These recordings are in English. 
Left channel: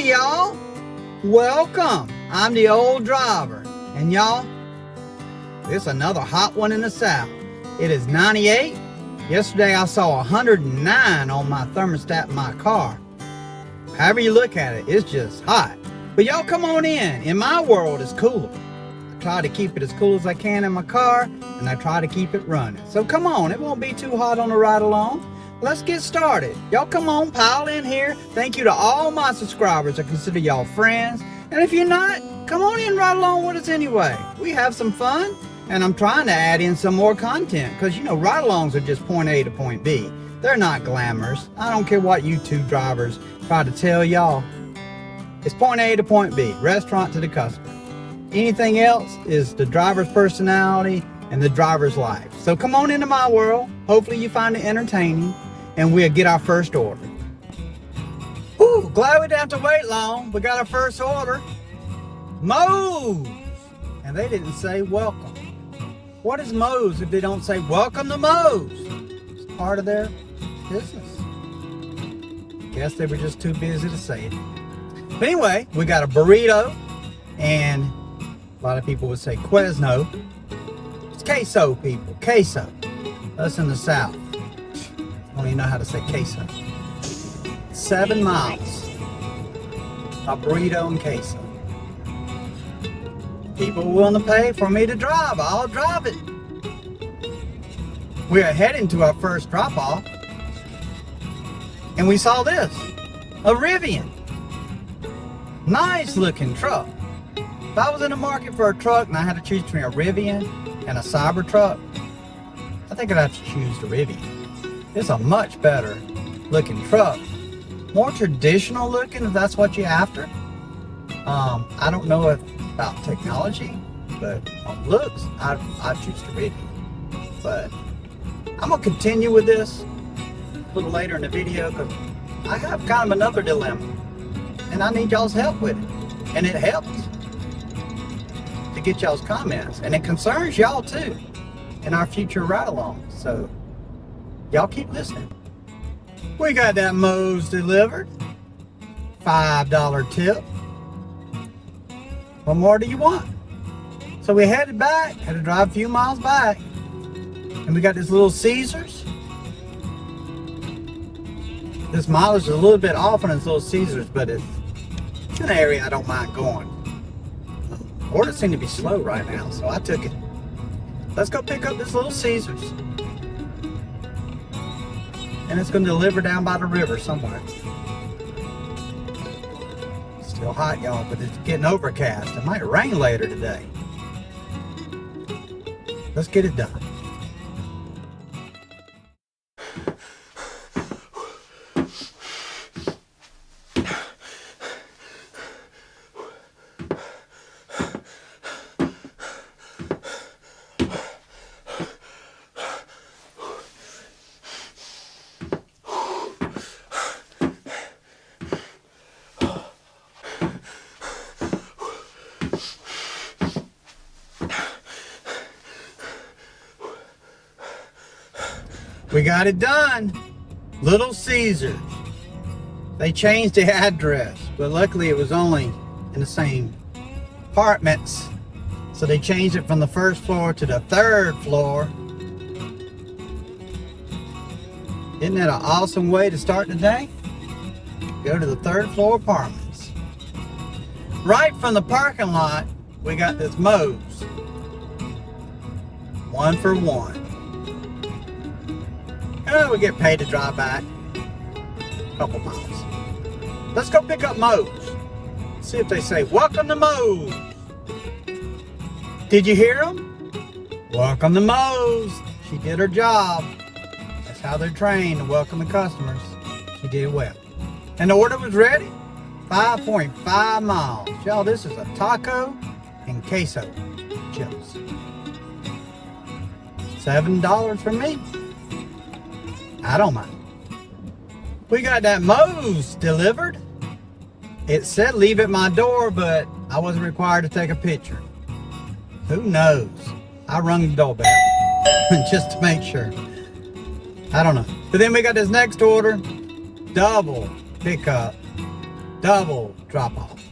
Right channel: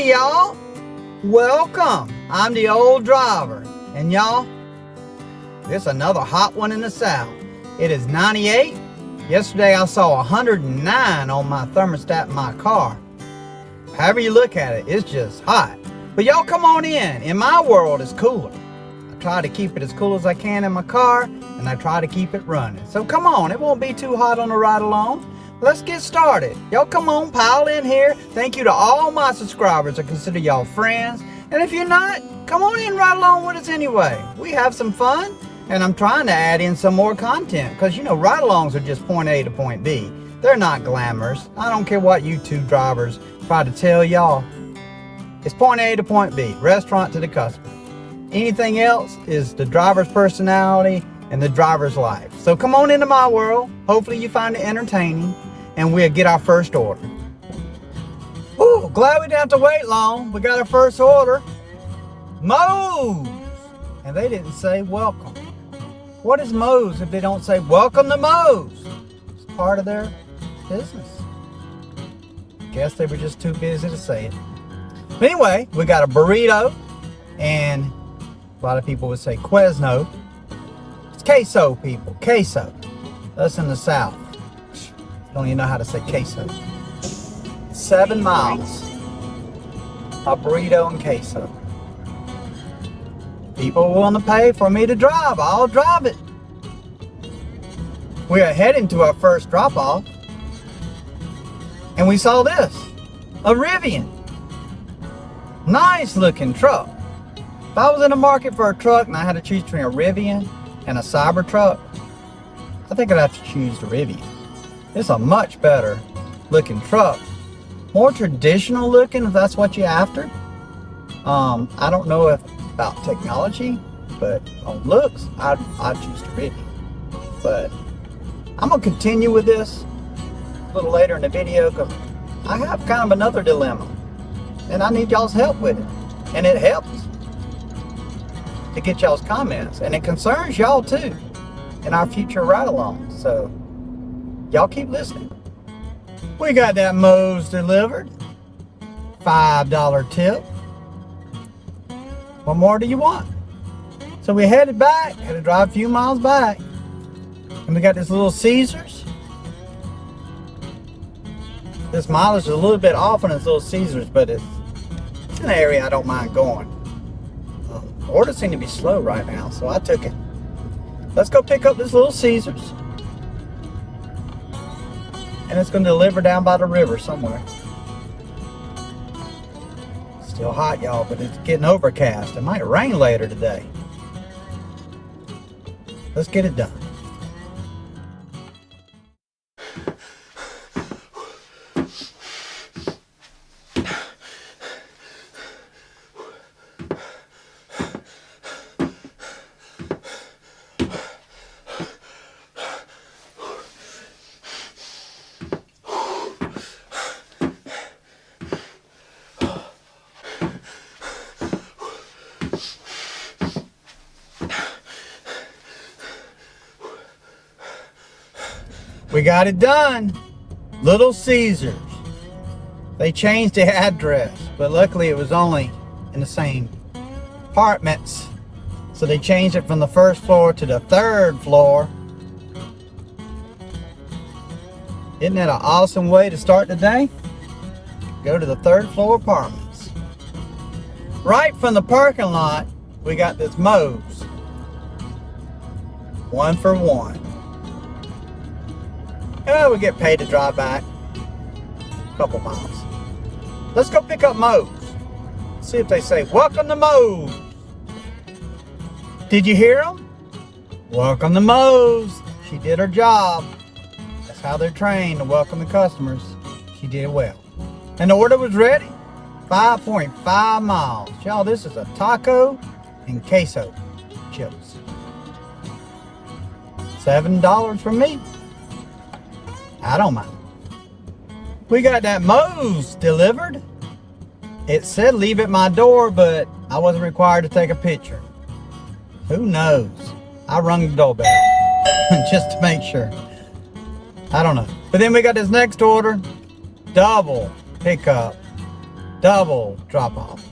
Hey y'all, welcome. I'm the old driver, and y'all, this is another hot one in the south. It is 98. Yesterday I saw 109 on my thermostat in my car. However you look at it, it's just hot. But y'all come on in. In my world, it's cooler. I try to keep it as cool as I can in my car, and I try to keep it running. So come on, it won't be too hot on the ride along. Let's get started. Y'all come on, pile in here. Thank you to all my subscribers. I consider y'all friends. And if you're not, come on in right along with us anyway. We have some fun, and I'm trying to add in some more content because, you know, ride-alongs are just point A to point B. They're not glamorous. I don't care what YouTube drivers try to tell y'all. It's point A to point B, restaurant to the customer. Anything else is the driver's personality and the driver's life. So come on into my world. Hopefully you find it entertaining, and we'll get our first order. Ooh, glad we didn't have to wait long. We got our first order. Moe's. And they didn't say welcome. What is Moe's if they don't say welcome to Moe's? It's part of their business. Guess they were just too busy to say it. But anyway, we got a burrito, and a lot of people would say Quezno. It's queso, people, queso. Us in the south don't even know how to say queso. 7 miles, a burrito and queso. People are willing to pay for me to drive. I'll drive it. We are heading to our first drop-off, and we saw this, a Rivian. Nice looking truck. If I was in the market for a truck and I had to choose between a Rivian and a Cybertruck, I think I'd have to choose the Rivian. It's a much better looking truck. More traditional looking, if that's what you're after. I don't know about technology, but on looks, I'd choose the Rivian. But I'm gonna continue with this a little later in the video because I have kind of another dilemma, and I need y'all's help with it. And it helps to get y'all's comments, and it concerns y'all too in our future ride-alongs. So y'all keep listening. We got that Moe's delivered. $5 tip. What more do you want? So we headed back, had to drive a few miles back, and we got this little Caesars. This mileage is a little bit off on this little Caesars, but it's an area I don't mind going. Orders seem to be slow right now, so I took it. Let's go pick up this little Caesars. And it's going to deliver down by the river somewhere. Still hot, y'all, but it's getting overcast. It might rain later today. Let's get it done. We got it done. Little Caesars. They changed the address, but luckily it was only in the same apartments. So they changed it from the first floor to the third floor. Isn't that an awesome way to start the day? Go to the third floor apartments. Right from the parking lot, we got this Moe's. 1 for 1. We get paid to drive back a couple miles. Let's go pick up Moe's. See if they say, welcome to Moe's. Did you hear them? Welcome to Moe's. She did her job. That's how they're trained to welcome the customers. She did well. And the order was ready. 5.5 miles. Y'all, this is a taco and queso chips. $7 for me. I don't mind. We got that Moe's delivered. It said leave at my door, but I wasn't required to take a picture. Who knows? I rung the doorbell just to make sure. I don't know. But then we got this next order, double pickup double drop off.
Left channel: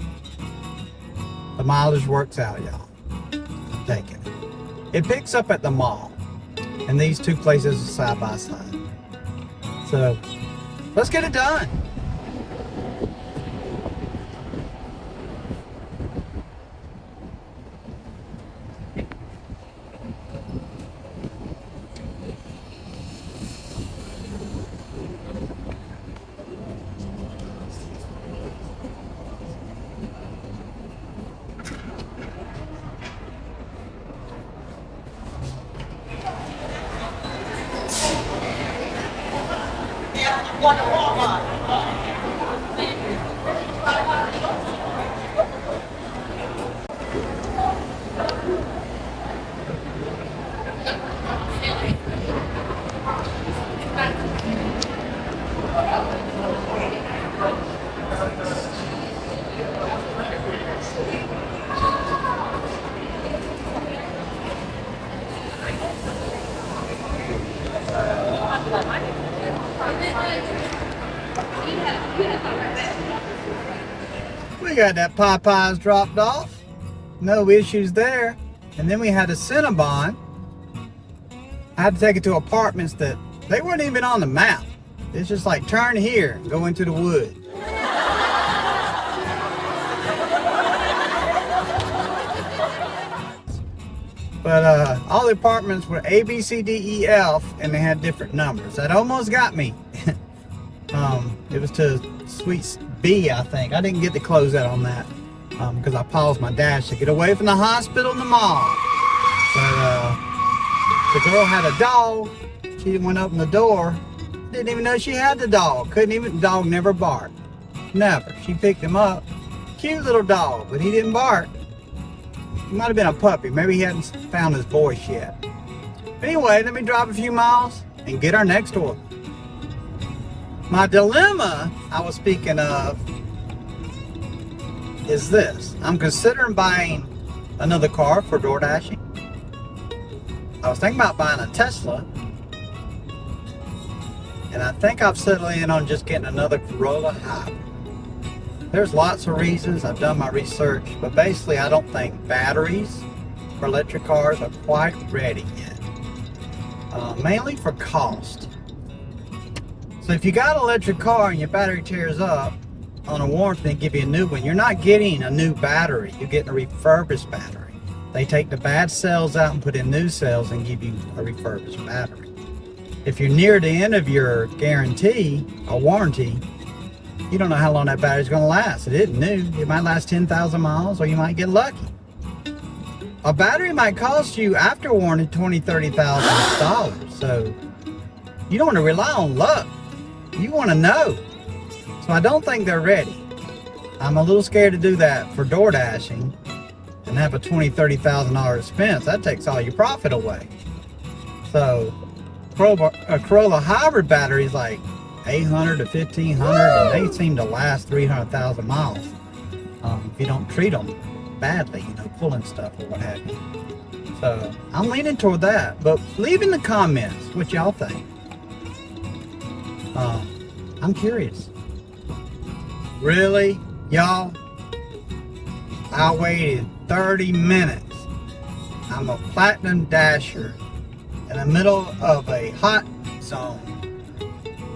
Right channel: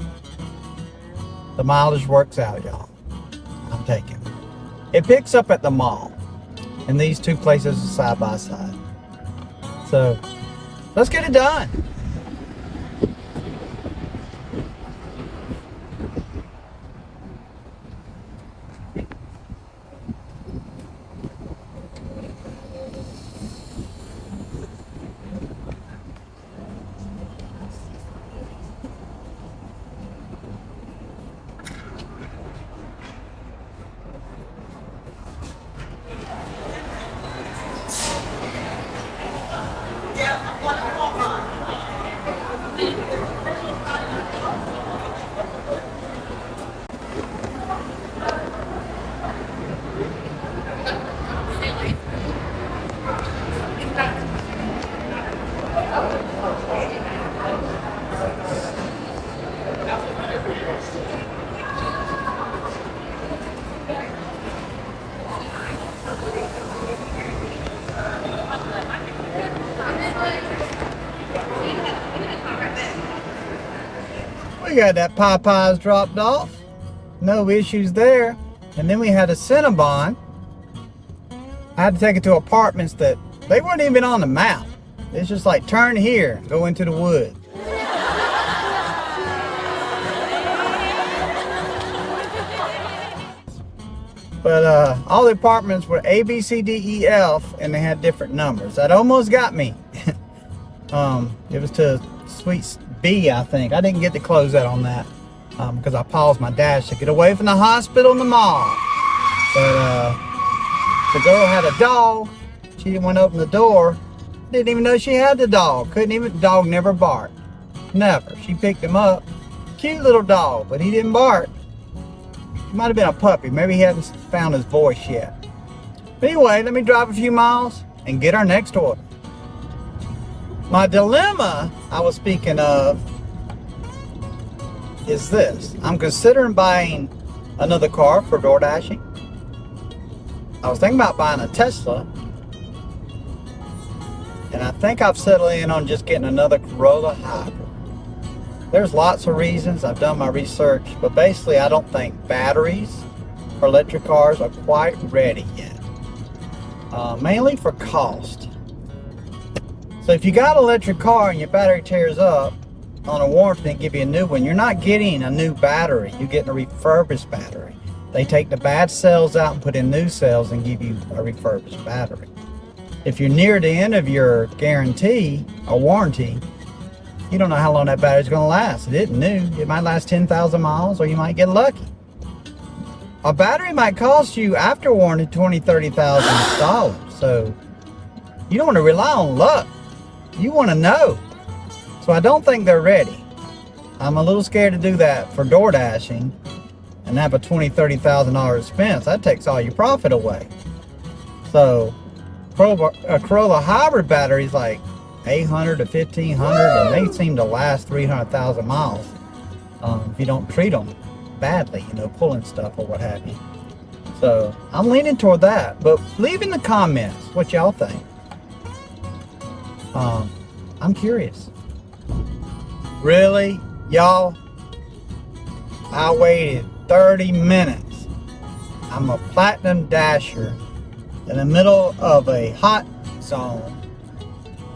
The mileage works out, y'all. I'm taking it. It picks up at the mall, and these two places are side by side. So let's get it done. We got that Popeyes dropped off. No issues there. And then we had a Cinnabon. I had to take it to apartments that they weren't even on the map. It's just like turn here, go into the woods. But all the apartments were A, B, C, D, E, F, and they had different numbers. That almost got me. It was to Suite B, I think. I didn't get to close out on that because I paused my dash to get away from the hospital and the mall. But the girl had a dog. She went open the door. Didn't even know she had the dog. The dog never barked. Never. She picked him up. Cute little dog, but he didn't bark. He might have been a puppy. Maybe he hadn't found his voice yet. But anyway, let me drive a few miles and get our next order. My dilemma I was speaking of is this. I'm considering buying another car for door dashing. I was thinking about buying a Tesla. And I think I've settled in on just getting another Corolla hybrid. There's lots of reasons. I've done my research. But basically, I don't think batteries for electric cars are quite ready yet. Mainly for cost. So if you got an electric car and your battery tears up on a warranty and give you a new one, you're not getting a new battery. You're getting a refurbished battery. They take the bad cells out and put in new cells and give you a refurbished battery. If you're near the end of your guarantee or warranty, you don't know how long that battery's going to last. It isn't new. It might last 10,000 miles or you might get lucky. A battery might cost you after warranty $20,000, $30,000. So you don't want to rely on luck. You want to know. So I don't think they're ready. I'm a little scared to do that for door dashing and have a $20,000, $30,000 expense. That takes all your profit away. So a Corolla hybrid battery is like 800 to 1500, and they seem to last 300,000 miles if you don't treat them badly, pulling stuff or what have you. So I'm leaning toward that, but leave in the comments what y'all think. I'm curious. Really, y'all? I waited 30 minutes. I'm a platinum dasher in the middle of a hot zone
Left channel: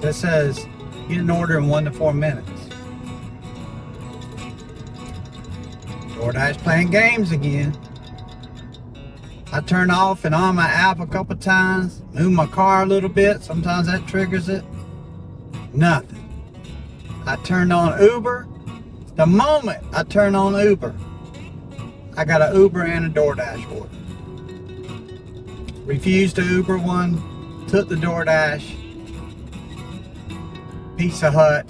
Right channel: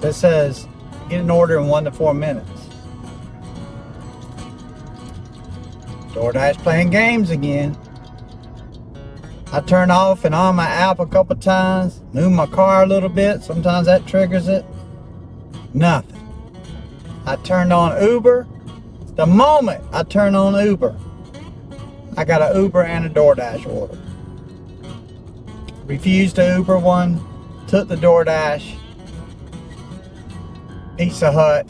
that says get an order in 1 to 4 minutes. DoorDash playing games again. I turn off and on my app a couple times, move my car a little bit, sometimes that triggers it. Nothing. I turned on Uber. The moment I turn on Uber, I got an Uber and a DoorDash order. Refused the Uber one, took the DoorDash, Pizza Hut,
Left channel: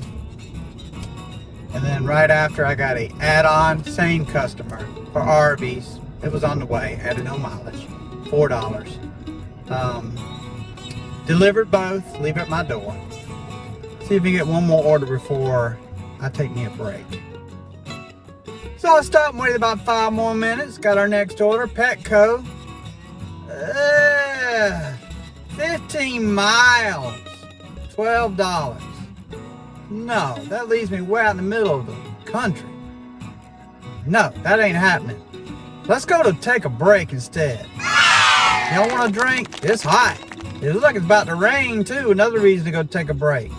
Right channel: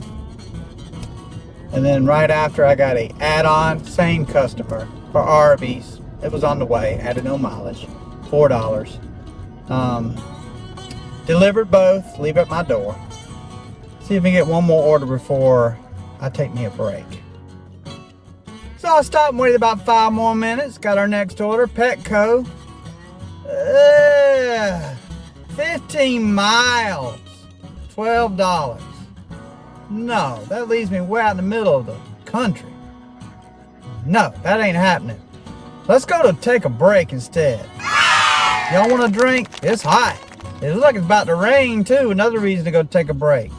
and then right after I got a add-on, same customer for Arby's. It was on the way, added no mileage, $4. Delivered both, leave at my door. See if we get one more order before I take me a break. So I stopped and waited about 5 more minutes. Got our next order, Petco. 15 miles, $12. No, that leaves me way out in the middle of the country. No, that ain't happening. Let's go to take a break instead. Y'all want a drink? It's hot. It looks like it's about to rain too. Another reason to go take a break.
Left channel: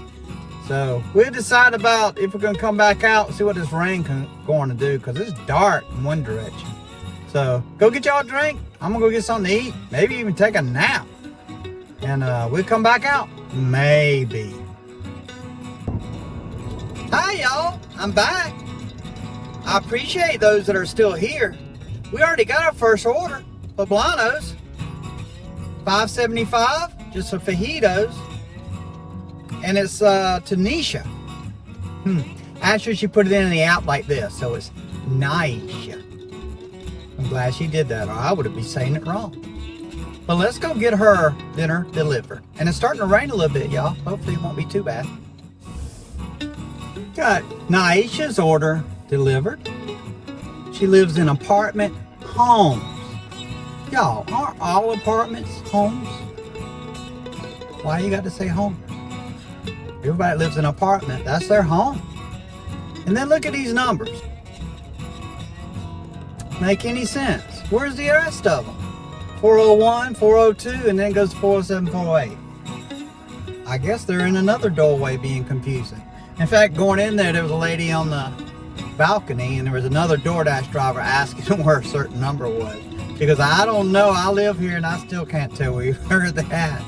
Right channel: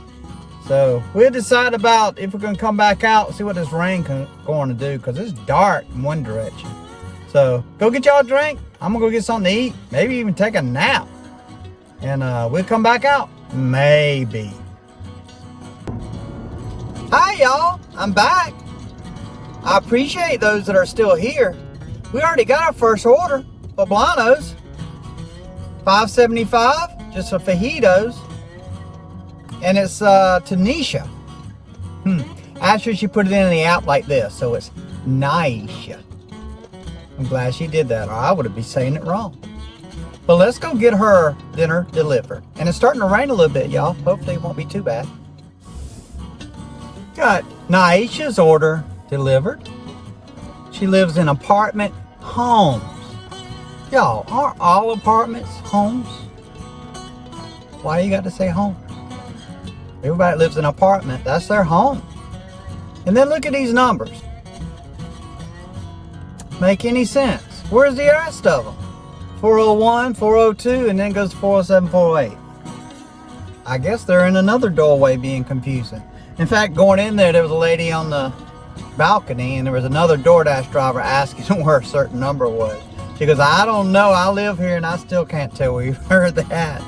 So we'll decide about if we're going to come back out and see what this rain going to do, because it's dark in one direction. So go get y'all a drink. I'm going to go get something to eat. Maybe even take a nap. And we'll come back out. Maybe. Hi y'all. I'm back. I appreciate those that are still here. We already got our first order. Poblanos. $5.75 just for fajitos. And it's Tanisha. Actually, she put it in the app like this, so it's Nisha. I'm glad she did that, or I would be saying it wrong. But let's go get her dinner delivered. And it's starting to rain a little bit, y'all. Hopefully it won't be too bad. Got Naisha's order delivered. She lives in apartment homes. Y'all, aren't all apartments homes? Why you got to say home? Everybody lives in an apartment. That's their home. And then look at these numbers. Make any sense? Where's the rest of them? 401, 402, and then goes to 407, 408. I guess they're in another doorway being confusing. In fact, going in there, there was a lady on the balcony, and there was another DoorDash driver asking where a certain number was. She goes, I don't know. I live here, and I still can't tell where you heard that.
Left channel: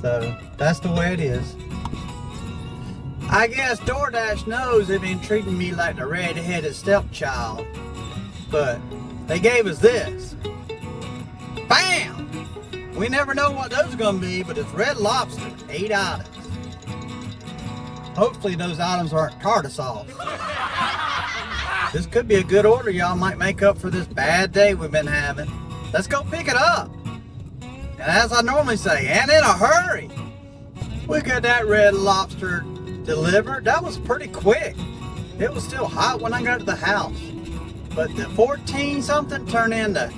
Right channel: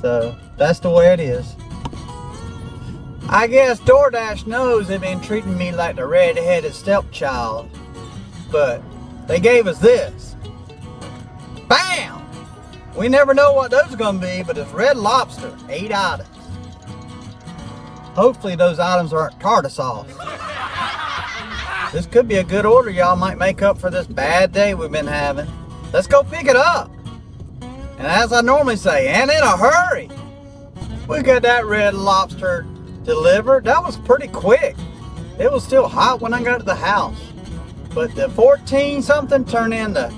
So that's the way it is. I guess DoorDash knows they've been treating me like the red-headed stepchild, but they gave us this. Bam! We never know what those are going to be, but it's Red Lobster, 8 items. Hopefully those items aren't tartar sauce. This could be a good order, y'all. Might make up for this bad day we've been having. Let's go pick it up. And as I normally say, and in a hurry. We got that Red Lobster delivered. That was pretty quick. It was still hot when I got to the house. But the 14 something turned into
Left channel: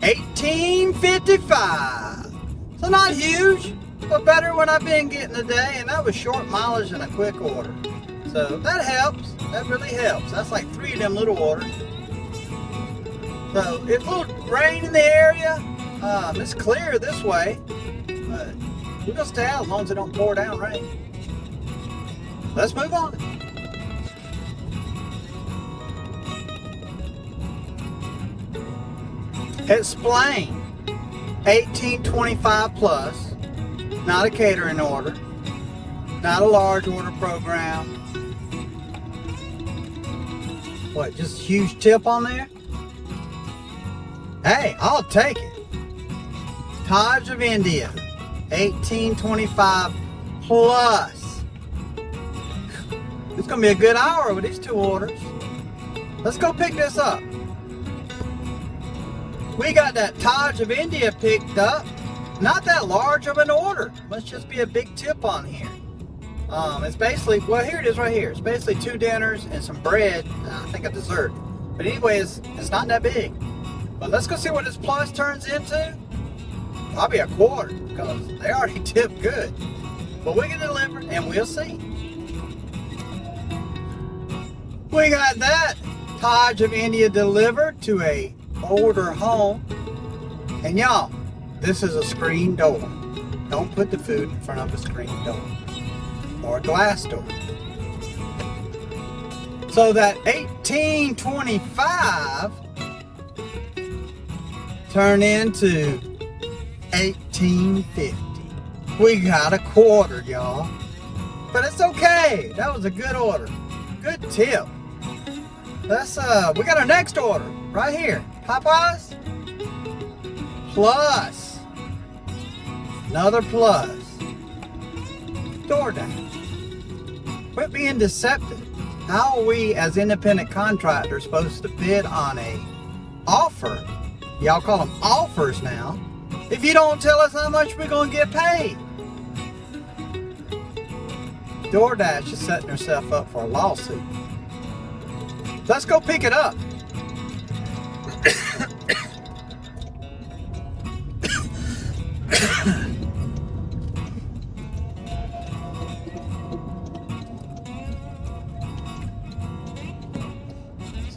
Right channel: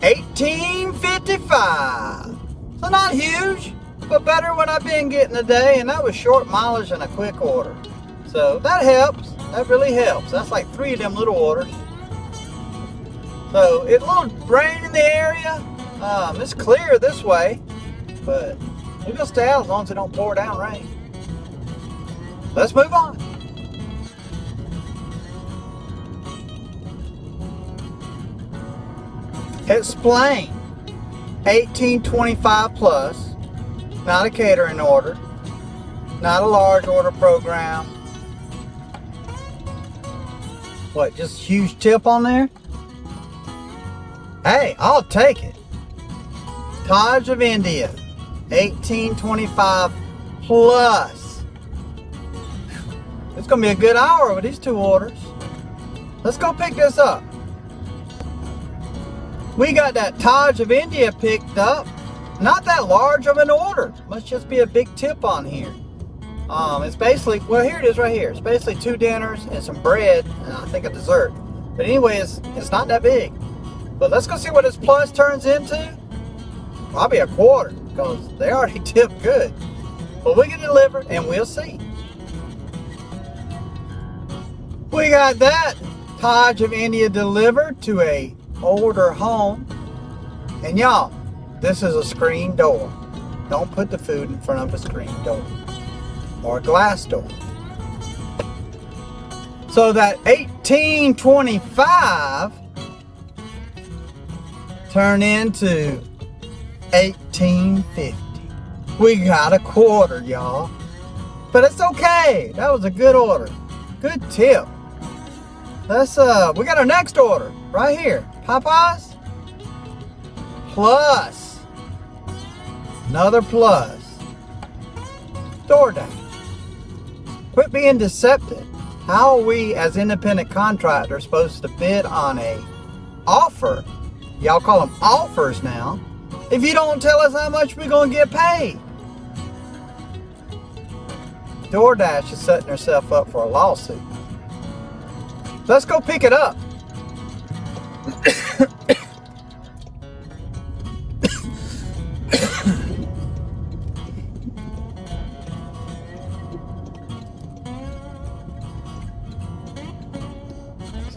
18.55. So not huge, but better when I've been getting today. And that was short mileage and a quick order. So that helps. That really helps. That's like 3 of them little orders. So it's a little rain in the area. It's clear this way, but we're gonna stay out as long as it don't pour down rain. Let's move on. Explain. 1825 plus. Not a catering order. Not a large order program. What, just a huge tip on there? Hey, I'll take it. Taj of India. 1825 plus. It's going to be a good hour with these 2 orders. Let's go pick this up. We got that Taj of India picked up. Not that large of an order. Must just be a big tip on here. It's basically, well, here it is right here. It's basically 2 dinners and some bread and I think a dessert. But anyway, it's not that big. But let's go see what this plus turns into. Probably a quarter because they already tipped good. But we can deliver and we'll see. We got that Taj of India delivered to a older home. And y'all, this is a screen door. Don't put the food in front of a screen door or a glass door. So that 1825 turned into 1850. We got a quarter, y'all. But it's okay. That was a good order. Good tip. Let's we got our next order right here. Popeyes plus. Another plus. DoorDash. Quit being deceptive. How are we as independent contractors supposed to bid on a offer? Y'all call them offers now. If you don't tell us how much we're going to get paid. DoorDash is setting herself up for a lawsuit. Let's go pick it up.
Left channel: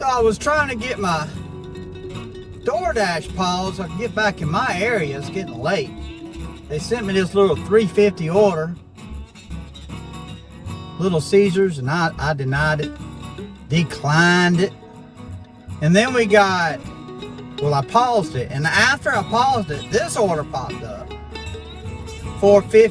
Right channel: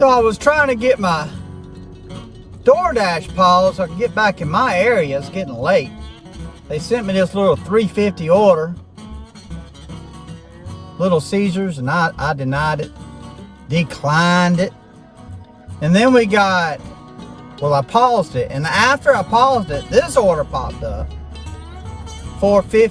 So I was trying to get my DoorDash pause so I could get back in my area. It's getting late. They sent me this little $3.50 order, Little Caesars, and I denied it, declined it. And then we got, well, I paused it, and after I paused it, this order popped up, $4.50,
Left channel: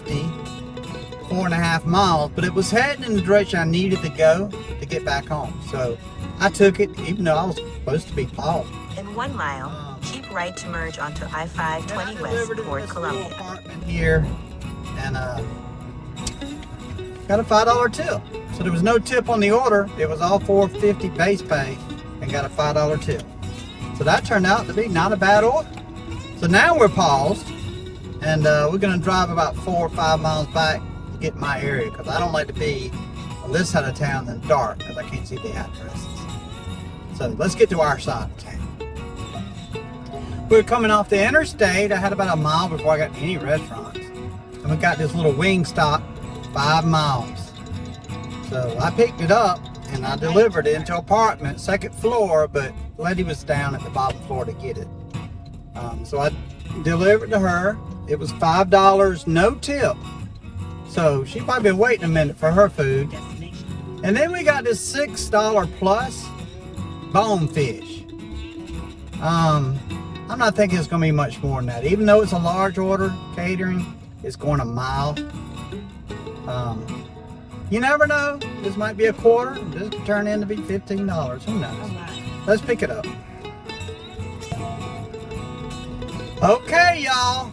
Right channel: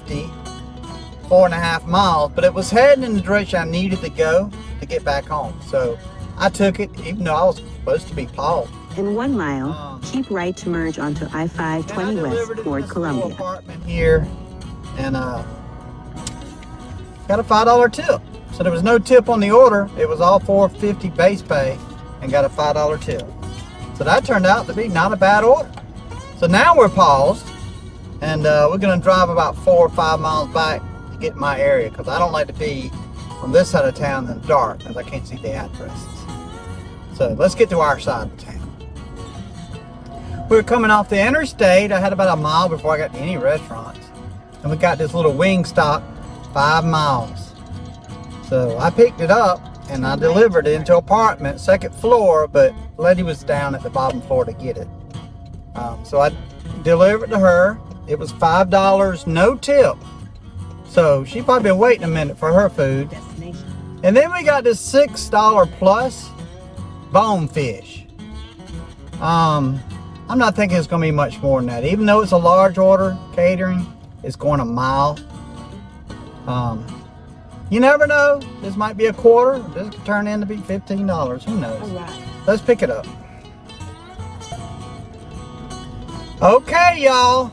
4.5 miles, but it was heading in the direction I needed to go to get back home. So I took it, even though I was supposed to be paused. In 1 mile, keep right to merge onto I-520 West toward Columbia. Apartment here, and got a $5 tip. So there was no tip on the order. It was all $4.50 base pay, and got a $5 tip. So that turned out to be not a bad order. So now we're paused, and we're gonna drive about 4 or 5 miles back to get in my area, because I don't like to be on this side of town in the dark, because I can't see the addresses. So let's get to our side of town. We were coming off the interstate. I had about a mile before I got to any restaurants. And we got this little wing stop, 5 miles. So I picked it up and I delivered it into an apartment, 2nd floor, but the lady was down at the bottom floor to get it. So I delivered to her. It was $5, no tip. So she probably been waiting a minute for her food. And then we got this $6 plus bonefish. I'm not thinking it's going to be much more than that. Even though it's a large order, catering, it's going a mile. You never know. This might be a quarter. This could turn in to be $15. Who knows? Let's pick it up. Okay, y'all.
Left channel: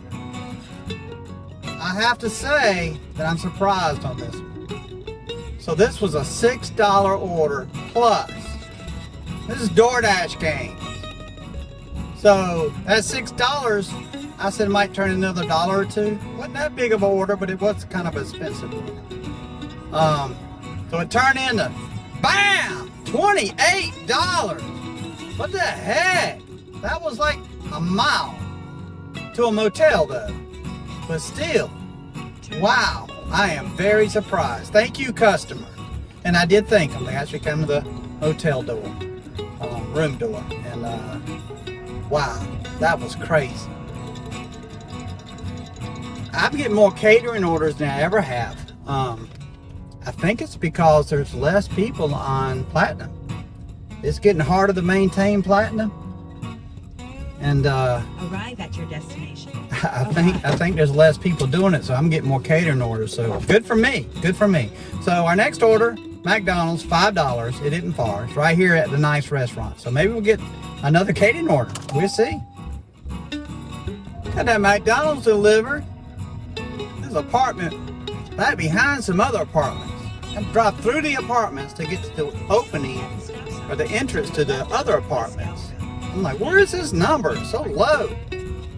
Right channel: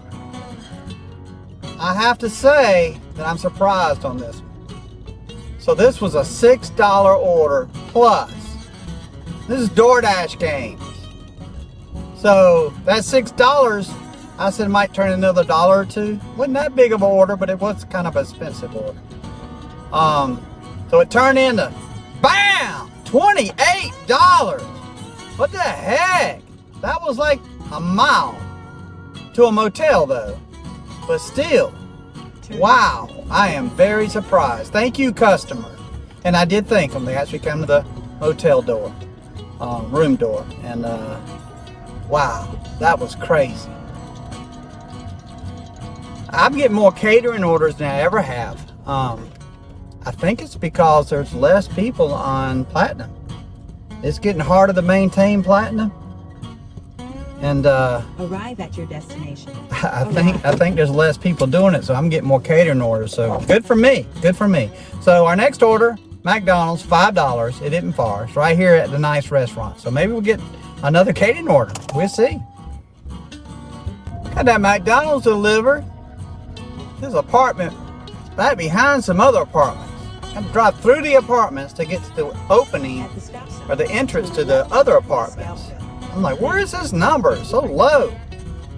I have to say that I'm surprised on this one. So this was a $6 order plus. This is DoorDash games. So that $6, I said might turn another $1 or $2. Wasn't that big of an order, but it was kind of an expensive order. So it turned into, bam, $28. What the heck? That was like a mile to a motel though. But still, wow, I am very surprised. Thank you, customer. And I did thank them. They actually came to the hotel door, room door, and wow, that was crazy. I'm getting more catering orders than I ever have. I think it's because there's less people on Platinum. It's getting harder to maintain Platinum. And arrive at your destination. I think there's less people doing it, so I'm getting more catering orders. So good for me. Good for me. So our next order, McDonald's, $5. It isn't far. It's right here at the nice restaurant. So maybe we'll get another catering order. We'll see. Got that McDonald's delivered. This apartment right behind some other apartments. I drive through the apartments to get to the opening or the entrance to the other apartments. I'm like, where is this number? It's so low.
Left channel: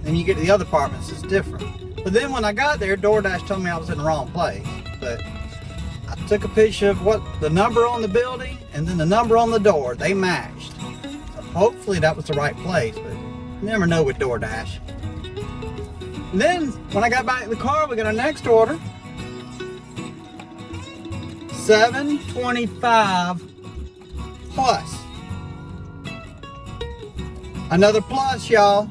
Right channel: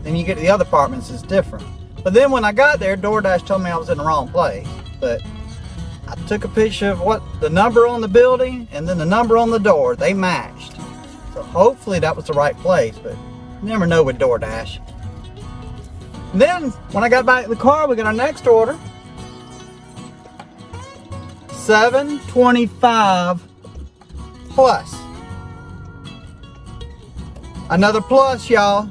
Then you get to the other apartments, it's different. But then when I got there, DoorDash told me I was in the wrong place. But I took a picture of what the number on the building and then the number on the door. They matched. So hopefully that was the right place, but you never know with DoorDash. And then when I got back in the car, we got our next order. $7.25 plus. Another plus, y'all.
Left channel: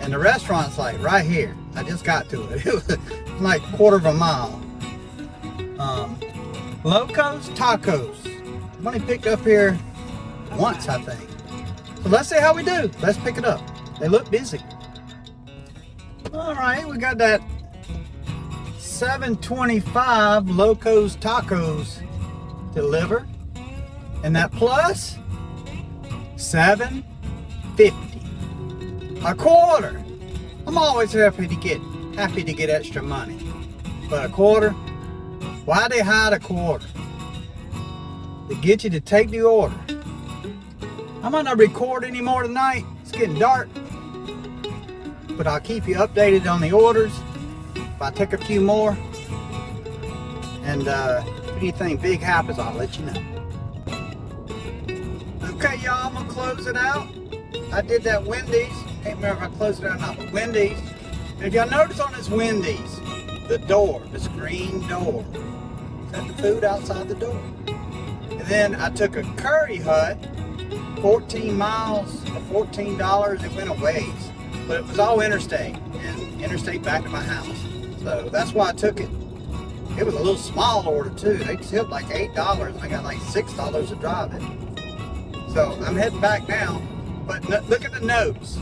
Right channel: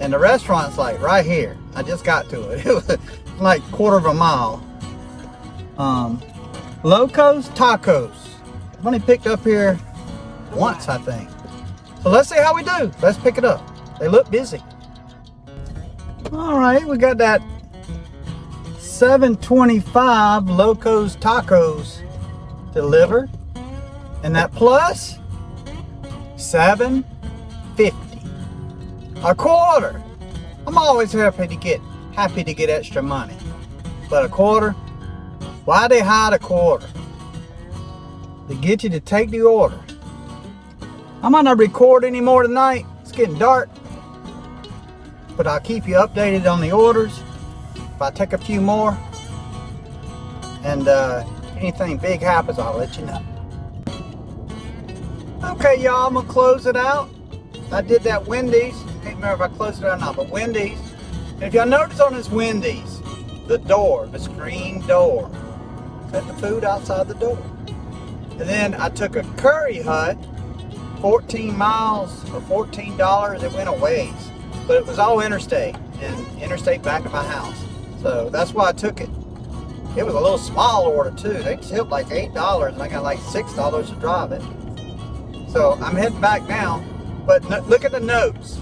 And the restaurant's like right here. I just got to it. It was like a quarter of a mile. Locos Tacos. I've only picked up here once, I think. So let's see how we do. Let's pick it up. They look busy. All right, we got that $7.25 Locos Tacos delivered. And that plus $7.50. A quarter. I'm always happy to get extra money. But a quarter? Why they hide a quarter? To get you to take the order. I might not record anymore tonight. It's getting dark. But I'll keep you updated on the orders. If I take a few more. And if anything big happens, I'll let you know. Okay, y'all, I'm gonna close it out. I did that Wendy's. Can't remember if I closed it out or not, but Wendy's. If y'all notice on this Wendy's, the door, the screen door, set the food outside the door. And then I took a Curry Hut 14 miles for $14. It went a ways, but it was all interstate, and interstate back to my house. So that's why I took it. It was a little small order too. They tipped like $8, and I got like $6 to drive it. So I'm heading back now, but look at the notes.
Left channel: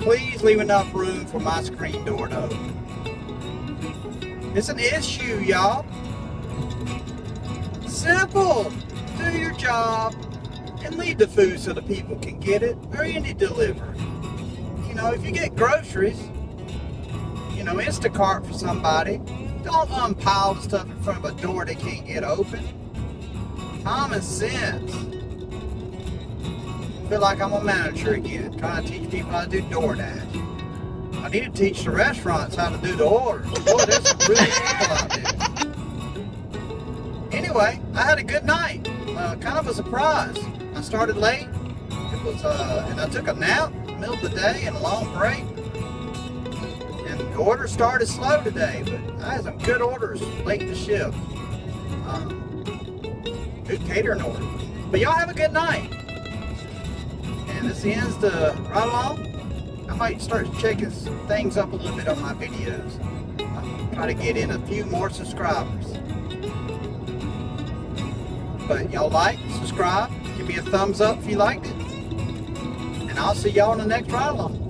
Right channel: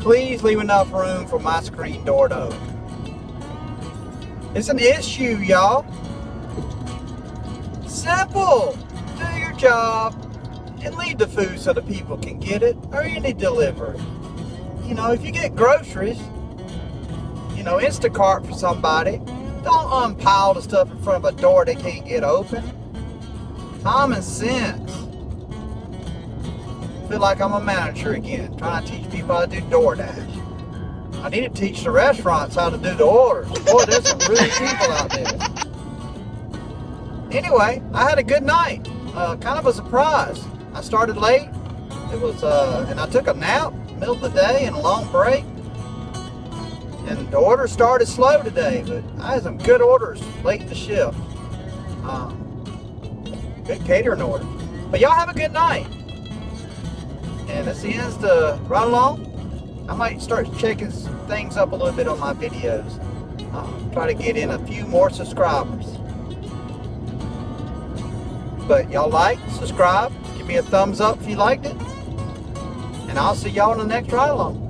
Please leave enough room for my screen door to open. It's an issue, y'all. Simple. Do your job and leave the food so the people can get it, or any delivery. You know, if you get groceries, you know, Instacart for somebody, don't unpile the stuff in front of a door they can't get open. Common sense. I feel like I'm a manager again, trying to teach people how to do DoorDash. I need to teach the restaurants how to do the orders. Boy, there's some really people out there. Anyway, I had a good night. Kind of a surprise. I started late. It was, and I took a nap in the middle of the day and a long break. And the orders started slow today, but I had some good orders late in the shift. Good catering orders. But y'all have a good night. And this ends the ride along. I might start checking things up a little bit on my videos. Try to get in a few more subscribers. But y'all like, subscribe, give me a thumbs up if you liked it. And I'll see y'all in the next ride along.